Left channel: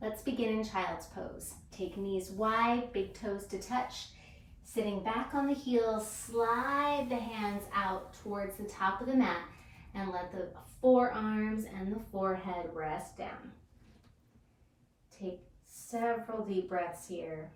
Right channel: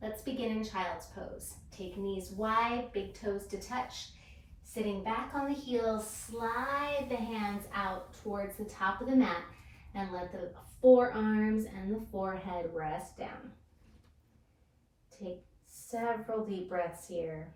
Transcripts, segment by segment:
Let's begin in child's pose. Take knees wide, big toes to touch. Sitting back on the heels, slide the hands out towards the top of the mat and let the forearms and the forehead rest down. Take several deep breaths here.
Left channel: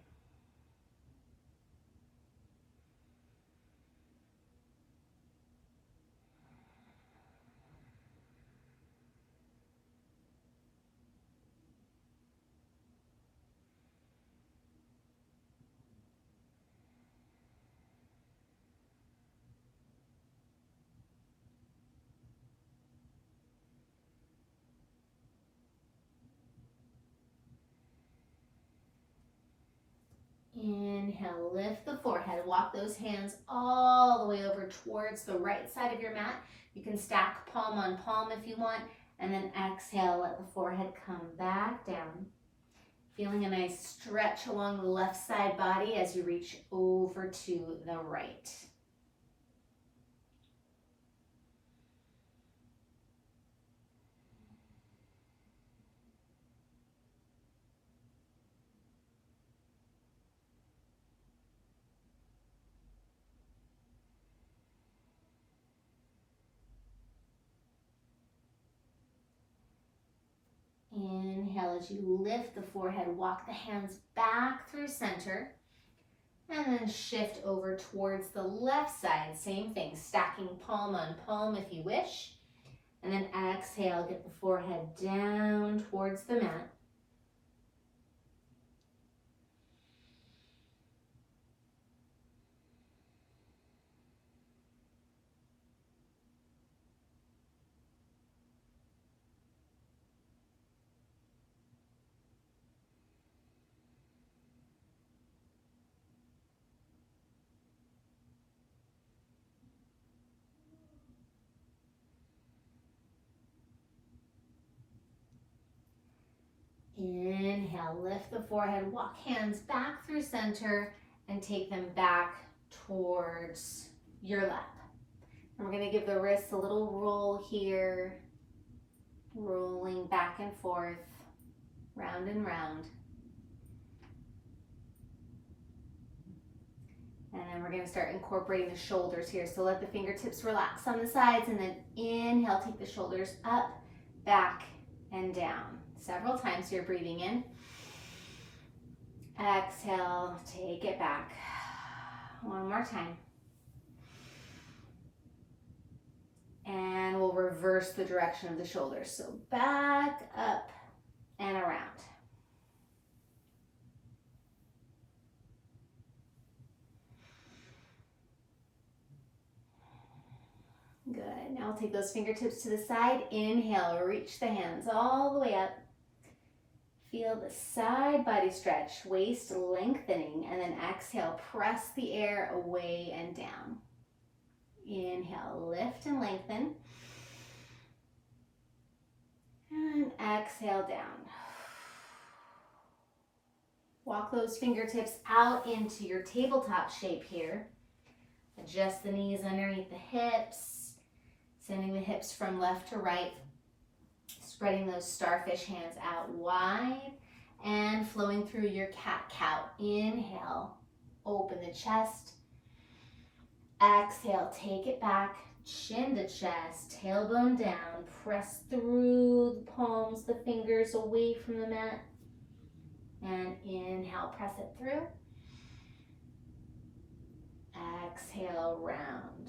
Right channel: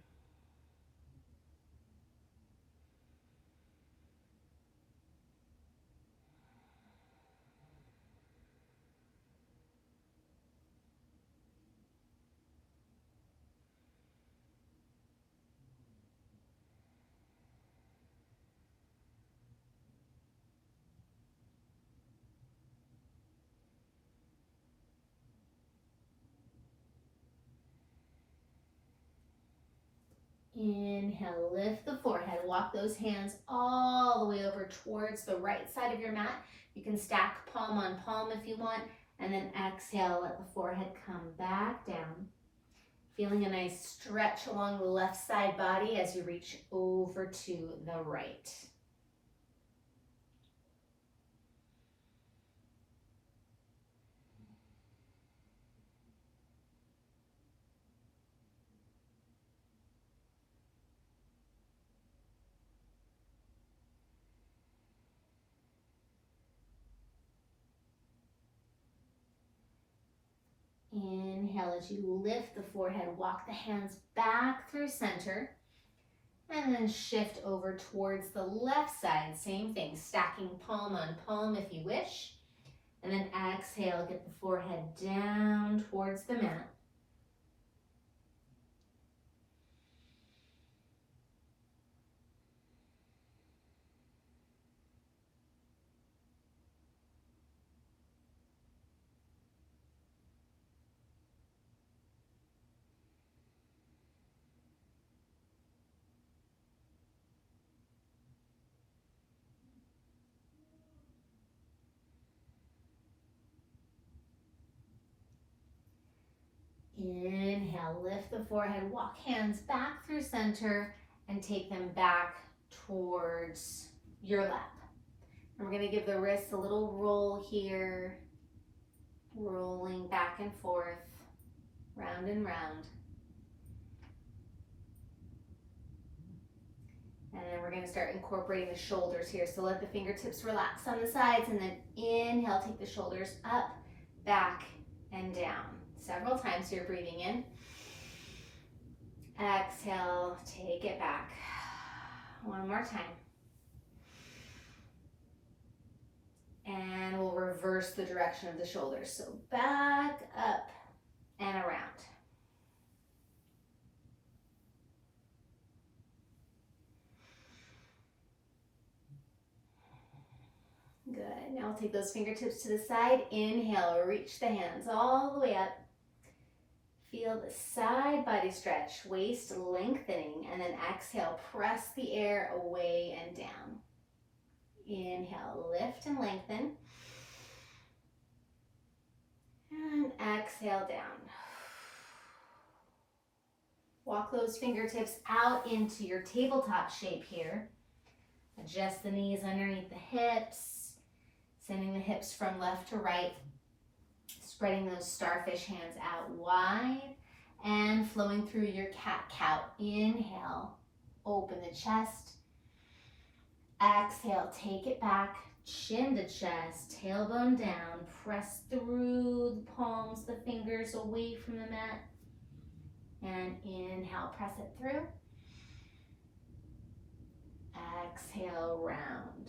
Inhale, lift the forehead. Walk those hands all the way over towards the right side of your mat. You can stack palm on palm if you want. And then exhale, let the forehead come back down. Feeling a nice stretch along the left side body as you reach over to the right. Inhale as you lift the forehead, walk the hands back through center, and then shift over towards the left side. Same thing, stacking palm on palm if you wish. And then exhale, get the forehead down towards the mat. Inhale, lift the forehead, walk hands back through center and take them back towards your lap. And we're going to give the wrists a little roll here, rolling back and forth, round and round. And then we're going to start incorporating the shoulders here. So let the fingertips relax on the sides and then inhale, take the shoulders up, back, and down. Several times here, breathing in. Exhale, take it back. One more time. And we'll reverse the direction of the shoulders. So back, up, and around. Good. Now we'll take those fingertips to the side. Inhale, reach the hands all the way up. Feel the side body stretch, waist lengthening, and then exhale, press the air away and down. Inhale, lift and lengthen. And exhale down. Walk those fingertips out into your tabletop shape here. Adjust the knees underneath the hips, sending the hips from left to right. Spreading those starfish hands out wide and flowing through your cat-cow. Inhale, open the chest. Exhale, take it back, chin to chest, tailbone down. Press through the palms, the fingers away from the mat. And inhale, press it through. Exhale, round.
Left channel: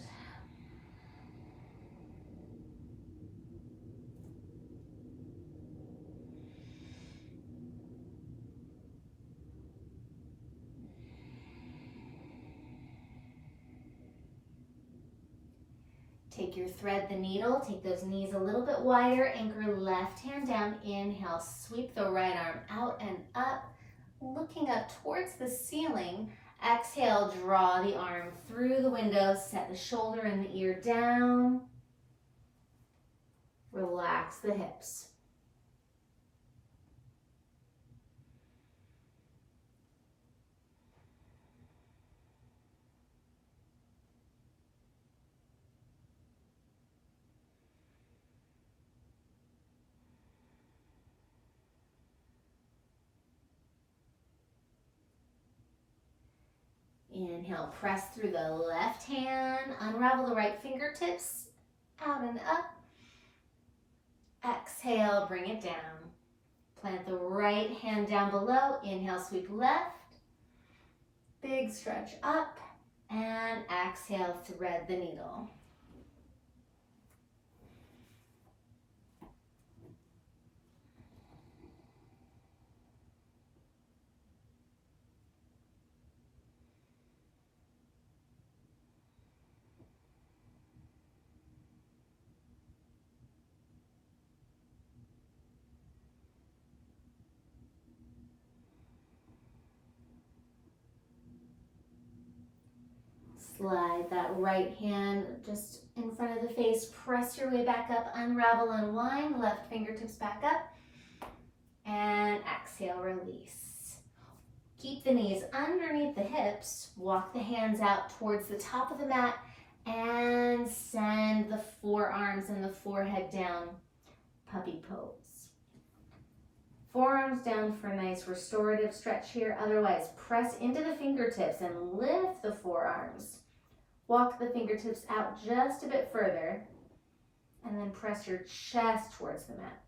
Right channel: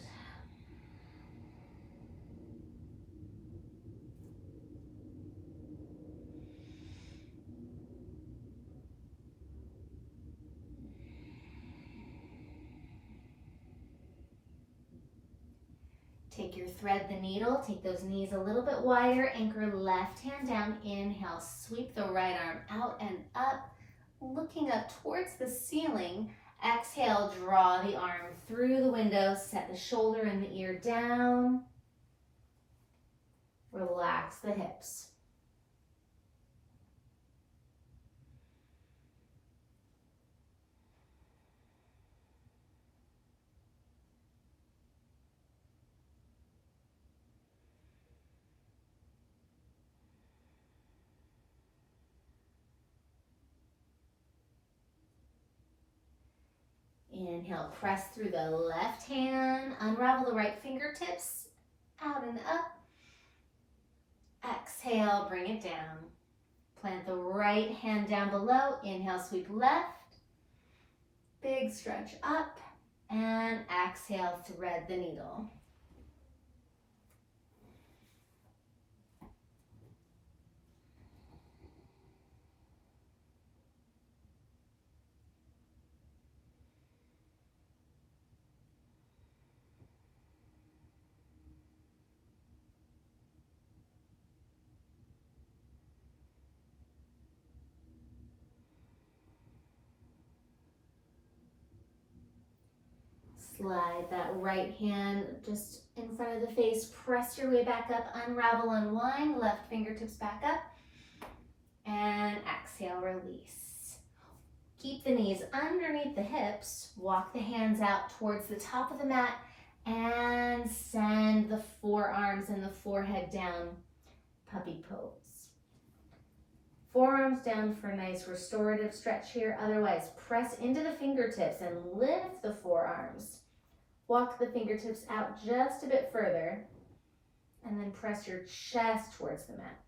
Take your thread the needle, take those knees a little bit wider, anchor left hand down, inhale, sweep the right arm out and up, looking up towards the ceiling. Exhale, draw the arm through the window, set the shoulder and the ear down. Relax the hips. Inhale, press through the left hand, unravel the right fingertips, out and up. Exhale, bring it down. Plant the right hand down below. Inhale, sweep left. Big stretch up. And exhale, thread the needle. Slide that right hand just in front of the face. Press your way back up. Unravel, unwind. Left fingertips back up. And exhale, release. Keep the knees underneath the hips. Walk the hands out towards the top of the mat. And send the forearms and the forehead down. Puppy pose. Forearms down for a nice restorative stretch here. Otherwise, press into the fingertips and lift the forearms. Walk the fingertips out just a bit further, and then press your chest towards the mat.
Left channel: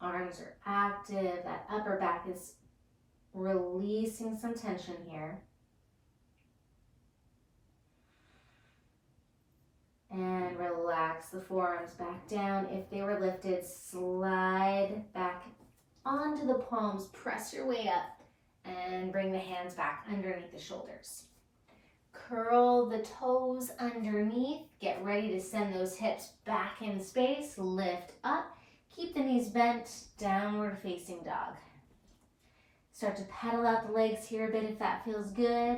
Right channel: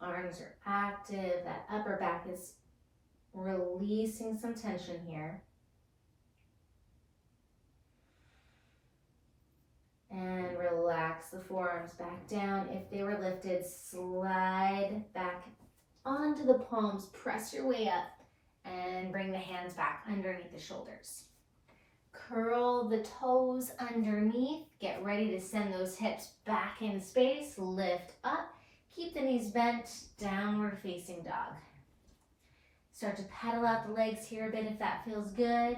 Arms are active. That upper back is releasing some tension here. And relax the forearms back down. If they were lifted, slide back onto the palms. Press your way up and bring the hands back underneath the shoulders. Curl the toes underneath. Get ready to send those hips back in space. Lift up. Keep the knees bent. Downward facing dog. Start to pedal out the legs here a bit if that feels good.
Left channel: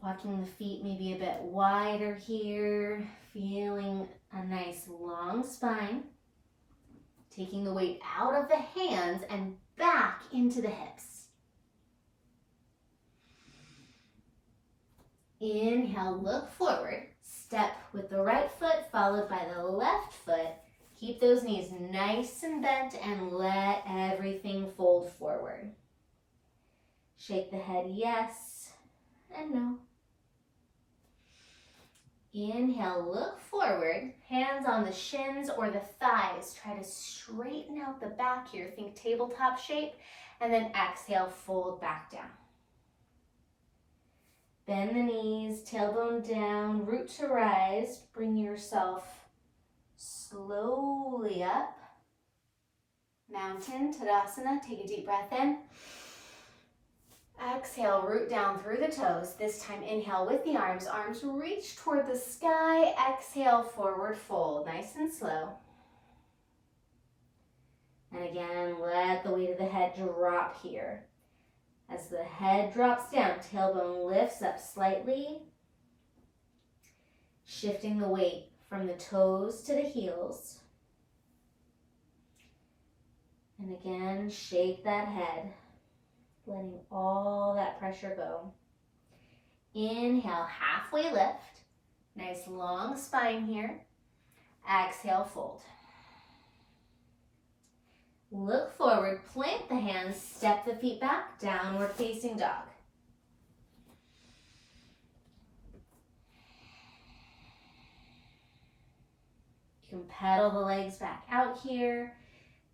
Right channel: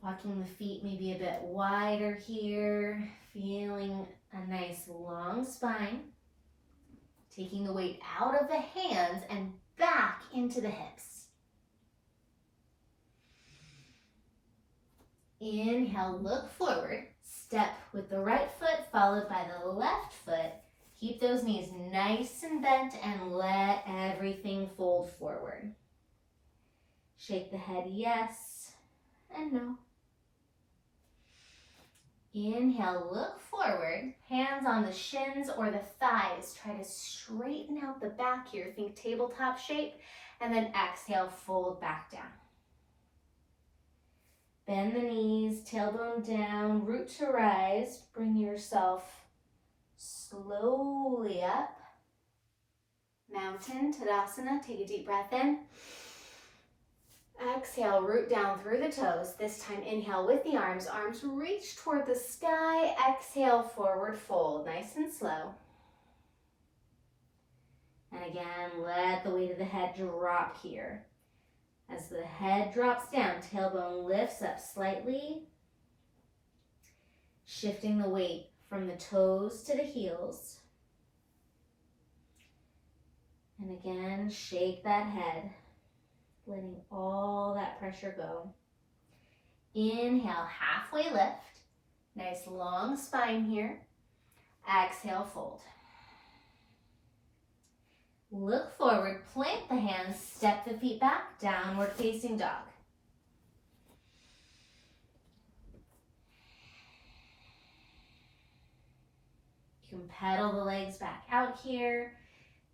Walking the feet maybe a bit wider here, feeling a nice long spine. Taking the weight out of the hands and back into the hips. Inhale, look forward. Step with the right foot followed by the left foot. Keep those knees nice and bent and let everything fold forward. Shake the head yes and no. Inhale, look forward, hands on the shins or the thighs. Try to straighten out the back here. Think tabletop shape. And then exhale, fold back down. Bend the knees, tailbone down, root to rise. Bring yourself slowly up. Mountain, Tadasana. Take a deep breath in. Exhale, root down through the toes. This time, inhale with the arms. Arms reach toward the sky. Exhale, forward fold. Nice and slow. And again, let the weight of the head drop here. As the head drops down, tailbone lifts up slightly. Shifting the weight from the toes to the heels. And again, shake that head. Letting all that pressure go. Inhale, halfway lift. Nice long spine here. Exhale, fold. Look forward, plant the hands, step the feet back, downward facing dog. You can pedal the legs back out here.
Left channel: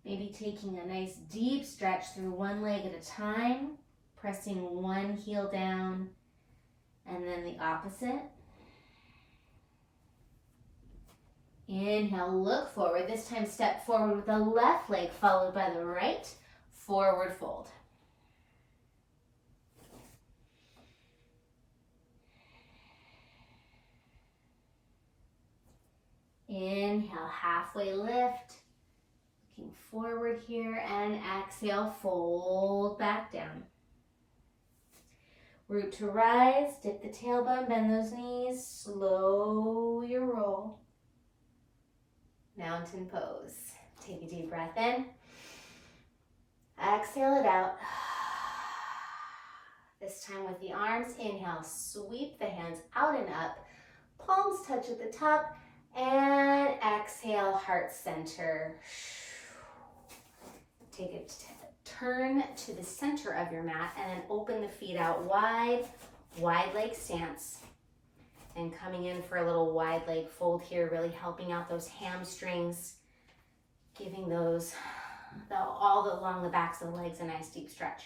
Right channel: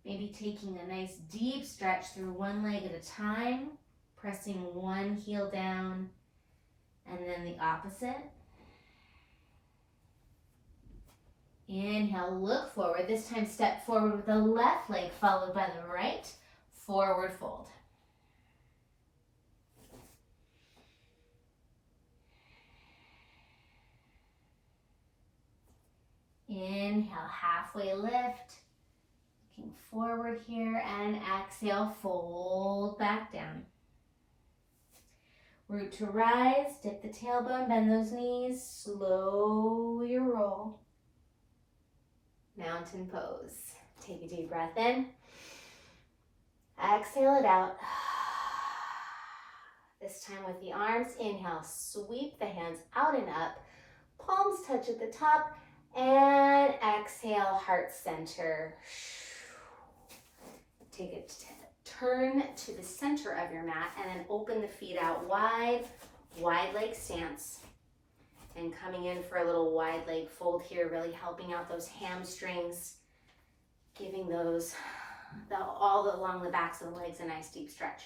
Maybe taking a nice deep stretch through one leg at a time, pressing one heel down, and then the opposite. Inhale, look forward. This time step forward with the left leg followed by the right. Forward fold. Inhale, halfway lift. Looking forward here and exhale, fold back down. Root to rise, dip the tailbone, bend those knees, slowly roll. Mountain pose. Take a deep breath in. Exhale it out. This time with the arms, inhale, sweep the hands out and up. Palms touch at the top. And exhale, heart center. Take it, turn to the center of your mat and then open the feet out wide, wide leg stance. And coming in for a little wide leg fold here, really helping out those hamstrings, giving those, all along the backs of the legs, a nice deep stretch.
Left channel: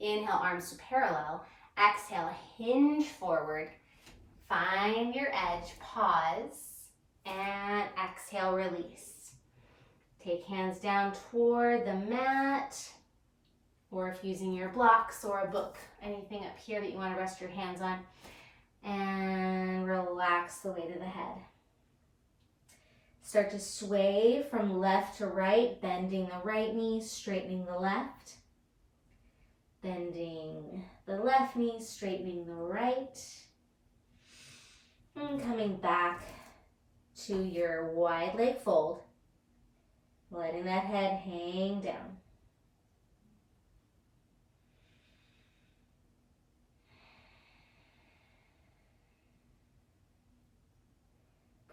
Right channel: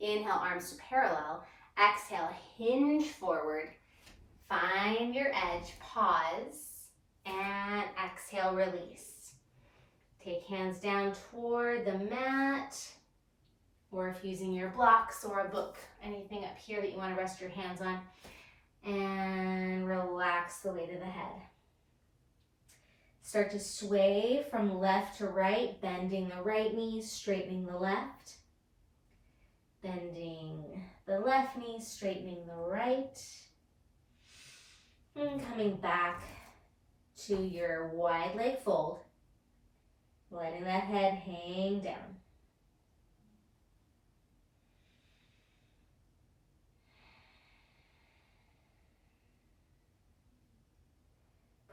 Inhale, arms to parallel. Exhale, hinge forward. Find your edge, pause. And exhale, release. Take hands down toward the mat, or if using your blocks or a book, anything up here that you want to rest your hands on, and relax the weight of the head. Start to sway from left to right, bending the right knee, straightening the left, bending the left knee, straightening the right, and coming back to your wide leg fold, letting that head hang down.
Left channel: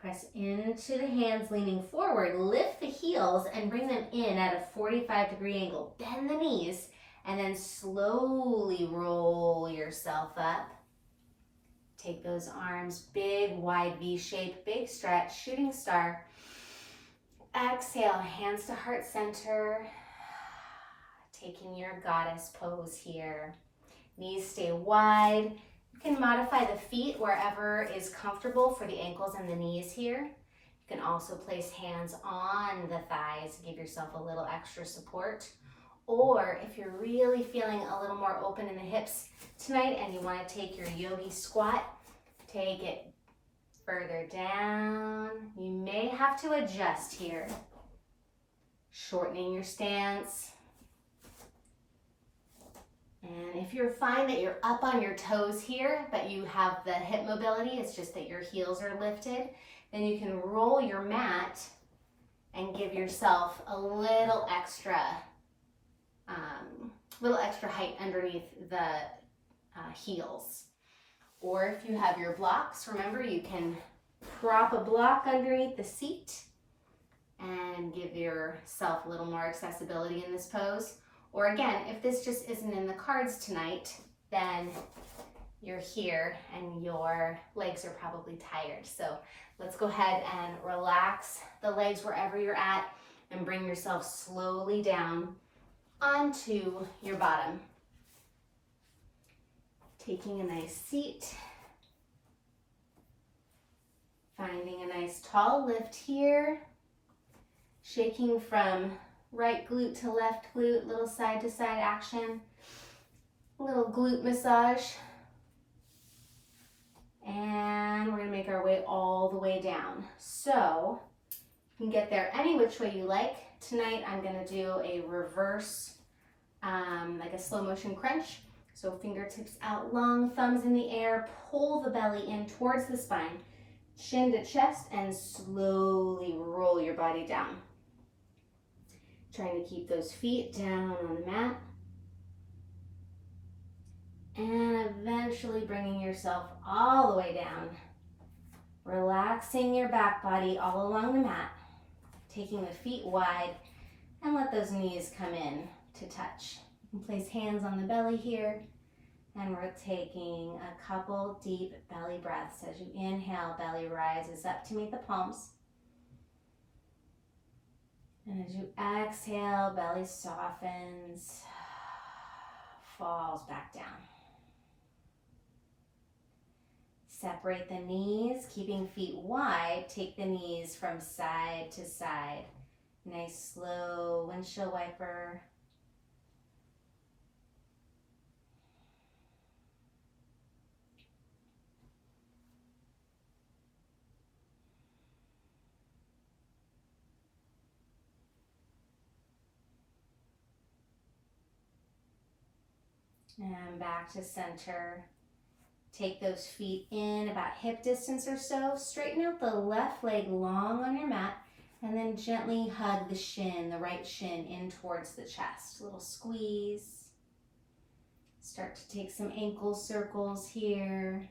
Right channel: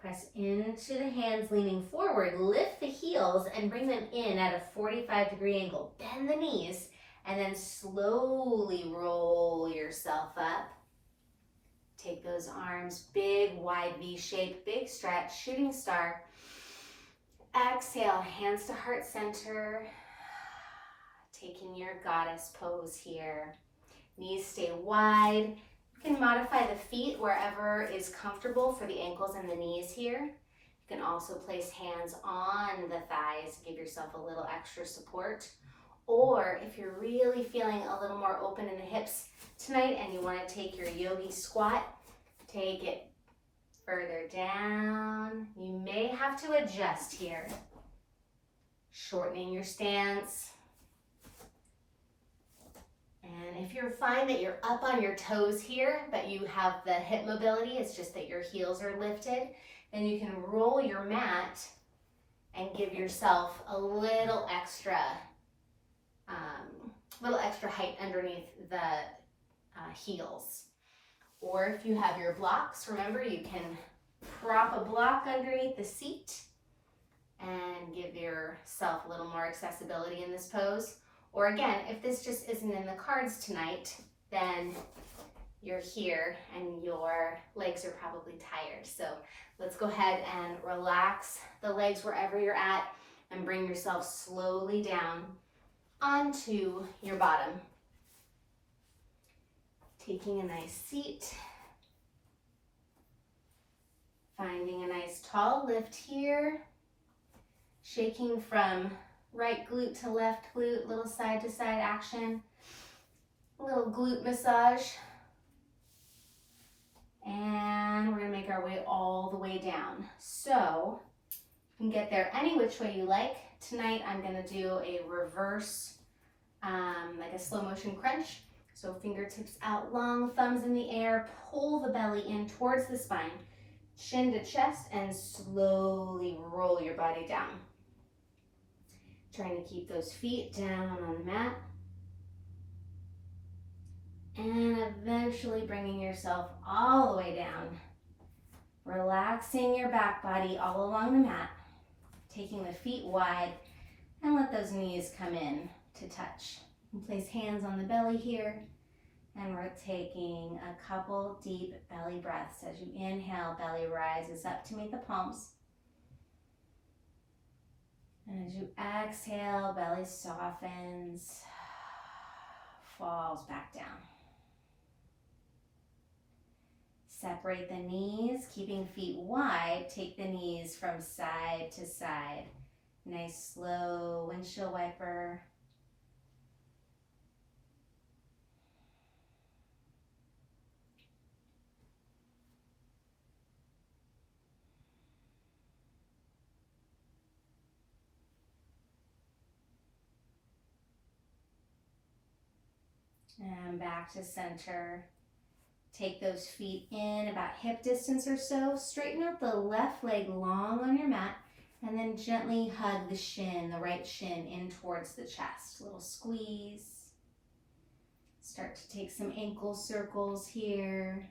Press into the hands, leaning forward, lift the heels and bring them in at a 45-degree angle. Bend the knees and then slowly roll yourself up. Take those arms, big, wide V shape, big stretch, shooting star. Exhale, hands to heart center. Taking your goddess pose here. Knees stay wide. You can modify the feet wherever is comfortable for the ankles and the knees here. You can also place hands on the thighs, give yourself a little extra support. Or if you're really feeling a little more open in the hips tonight and you want to take your yogi squat, take it further down. You may have to adjust here. Shortening your stance. And if you find that you're up on your toes here, but you have the hip mobility, it's just that your heels are lifted, then you can roll your mat and give yourself a little extra height underneath the heels. Or if you have your blocks, remember you can prop a block underneath the seat and give yourself a little more accessibility in this pose. Or again, if this just isn't in the cards tonight, then you're here and your legs are probably tired. So let's go ahead and relax the legs wherever you're at and bring yourself slowly down onto your bottom. Taking a nice seat. Finding a nice tall lift here. Shaking from right glute to left glute, little side to side action. A little glute massage. And we're gonna make our way all the way down. So you can get there any which way you like. Tonight I'm gonna do a reverse, like a slow motion crunch. So fingertips out long, thumbs in the air, pull the belly in towards the spine, chin to chest, and slowly roll your body down. Trying to keep those feet down on the mat. And eventually bringing yourself all the way down. Relaxing your back body all along the mat. Taking the feet wide and let those knees come in to touch. You can place hands on the belly here. And we're taking a couple deep belly breaths. As you inhale, belly rises up to meet the palms. And as you exhale, belly softens, falls back down. Separate the knees, keeping feet wide. Take the knees from side to side. Nice slow windshield wiper. And back to center. Take those feet in about hip distance or so. Straighten out the left leg long on your mat. And then gently hug the shin, the right shin, in towards the chest. A little squeeze. Start to take some ankle circles here.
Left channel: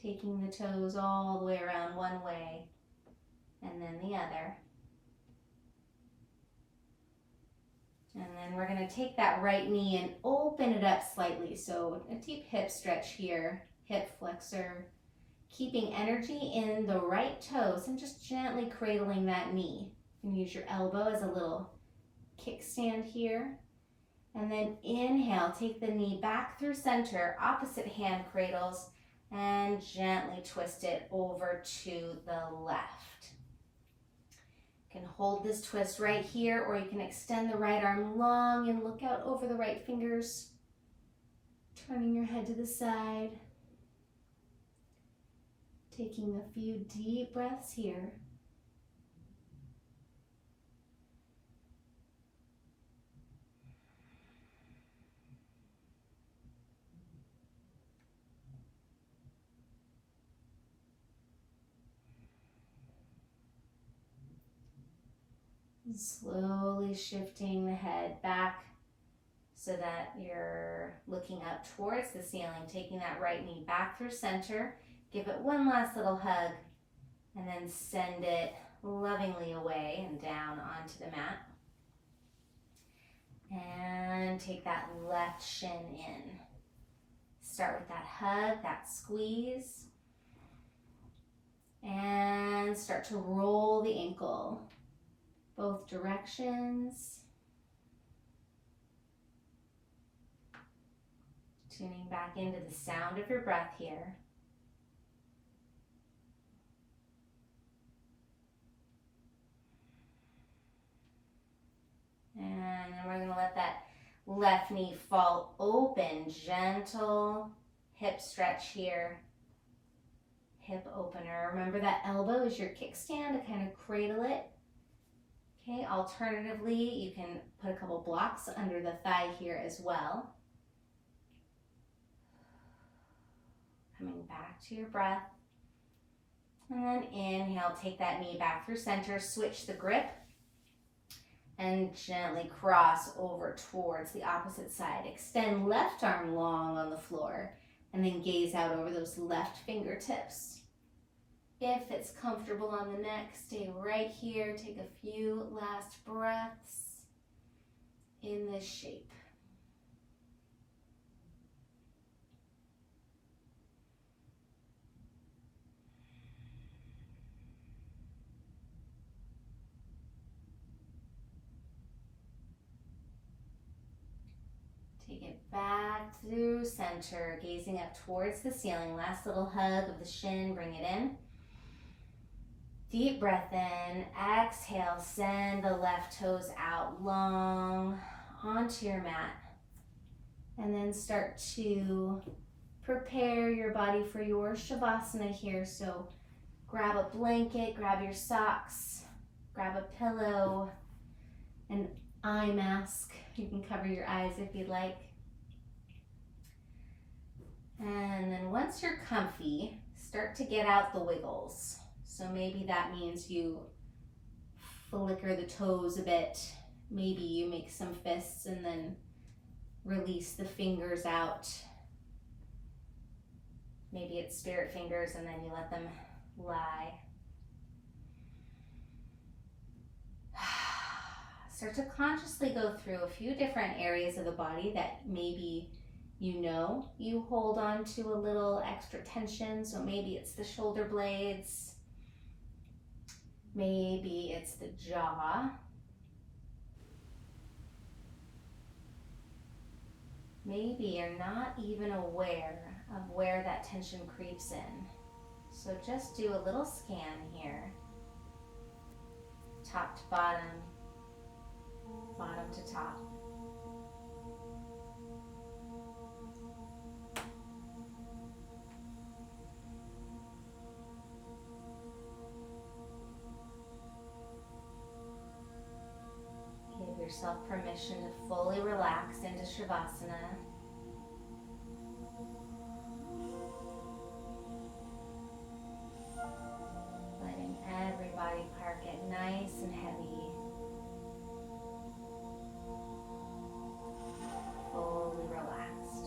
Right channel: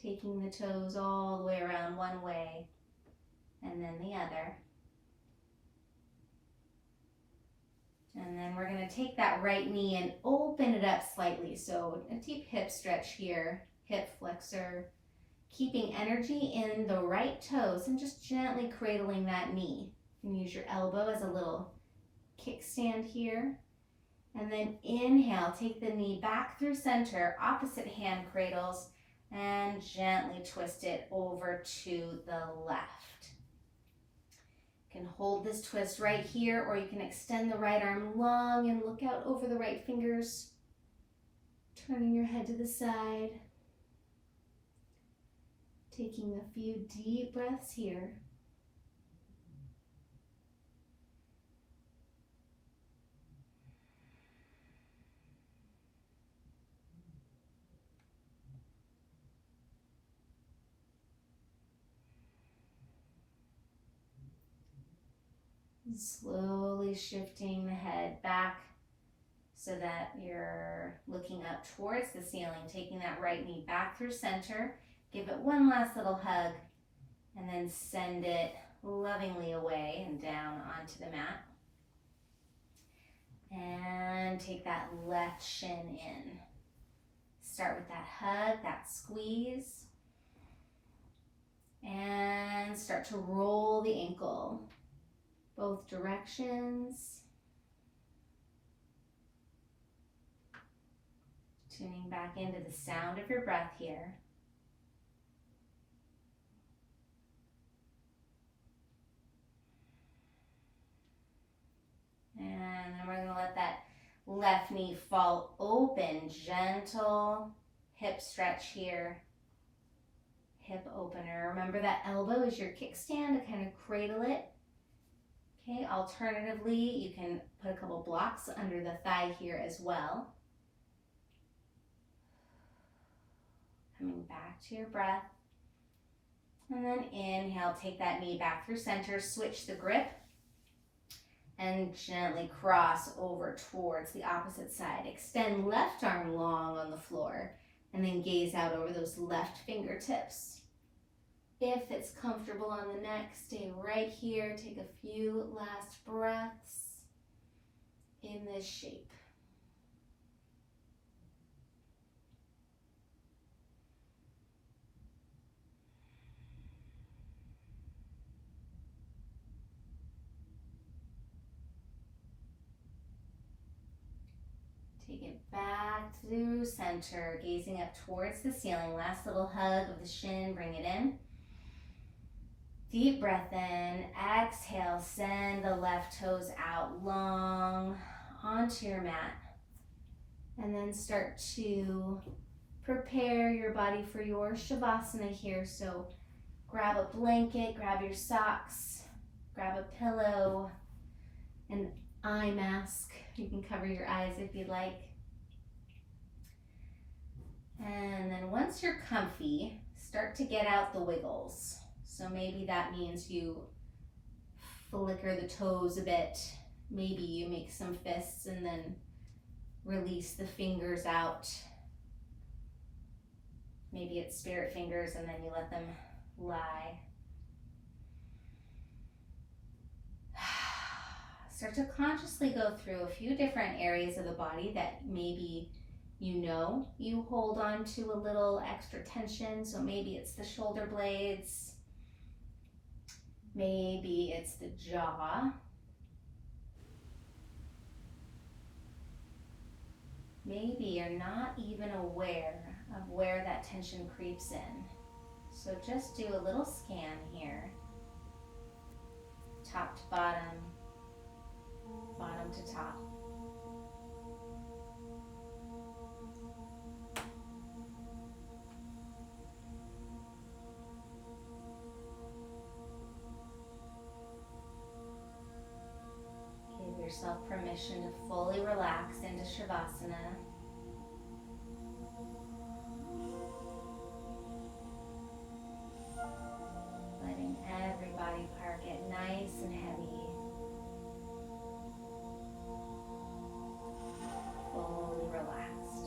Taking the toes all the way around one way and then the other. And then we're going to take that right knee and open it up slightly. So a deep hip stretch here, hip flexor, keeping energy in the right toes and just gently cradling that knee. You can use your elbow as a little kickstand here. And then inhale, take the knee back through center, opposite hand cradles, and gently twist it over to the left. You can hold this twist right here, or you can extend the right arm long and look out over the right fingers, turning your head to the side. Taking a few deep breaths here. Slowly shifting the head back so that you're looking up towards the ceiling, taking that right knee back through center. Give it one last little hug and then send it lovingly away and down onto the mat. And take that left shin in. Start with that hug, that squeeze. And start to roll the ankle both directions. Tuning back into the sound of your breath here. And then we're going to let that left knee fall open. Gentle hip stretch here. Hip opener. Remember that elbow is your kickstand to kind of cradle it. Okay, alternatively, you can put a couple blocks under the thigh here as well. Coming back to your breath. And then inhale, take that knee back through center, switch the grip, and gently cross over towards the opposite side. Extend left arm long on the floor, and then gaze out over those left fingertips. If it's comfortable on the neck, stay right here. Take a few last breaths in this shape. Take it back through center, gazing up towards the ceiling. Last little hug of the shin, bring it in. Deep breath in, exhale, send the left toes out long onto your mat. And then start to prepare your body for your Shavasana here. So grab a blanket, grab your socks, grab a pillow, an eye mask. You can cover your eyes if you like. And then once you're comfy, start to get out the wiggles. So maybe that means you flicker the toes a bit. Maybe you make some fists and then release the fingers out. Maybe it's spirit fingers and then you let them lie. Start to consciously go through a few different areas of the body that maybe you hold on to a little extra tension. So maybe it's the shoulder blades. Maybe it's the jaw. Maybe you're not even aware of where that tension creeps in. So just do a little scan here. Top to bottom, bottom to top. Give yourself permission to fully relax into Shavasana. Letting every body part get nice and heavy. Fully relaxed.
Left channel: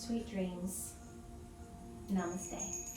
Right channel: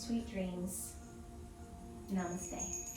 Sweet dreams. Namaste.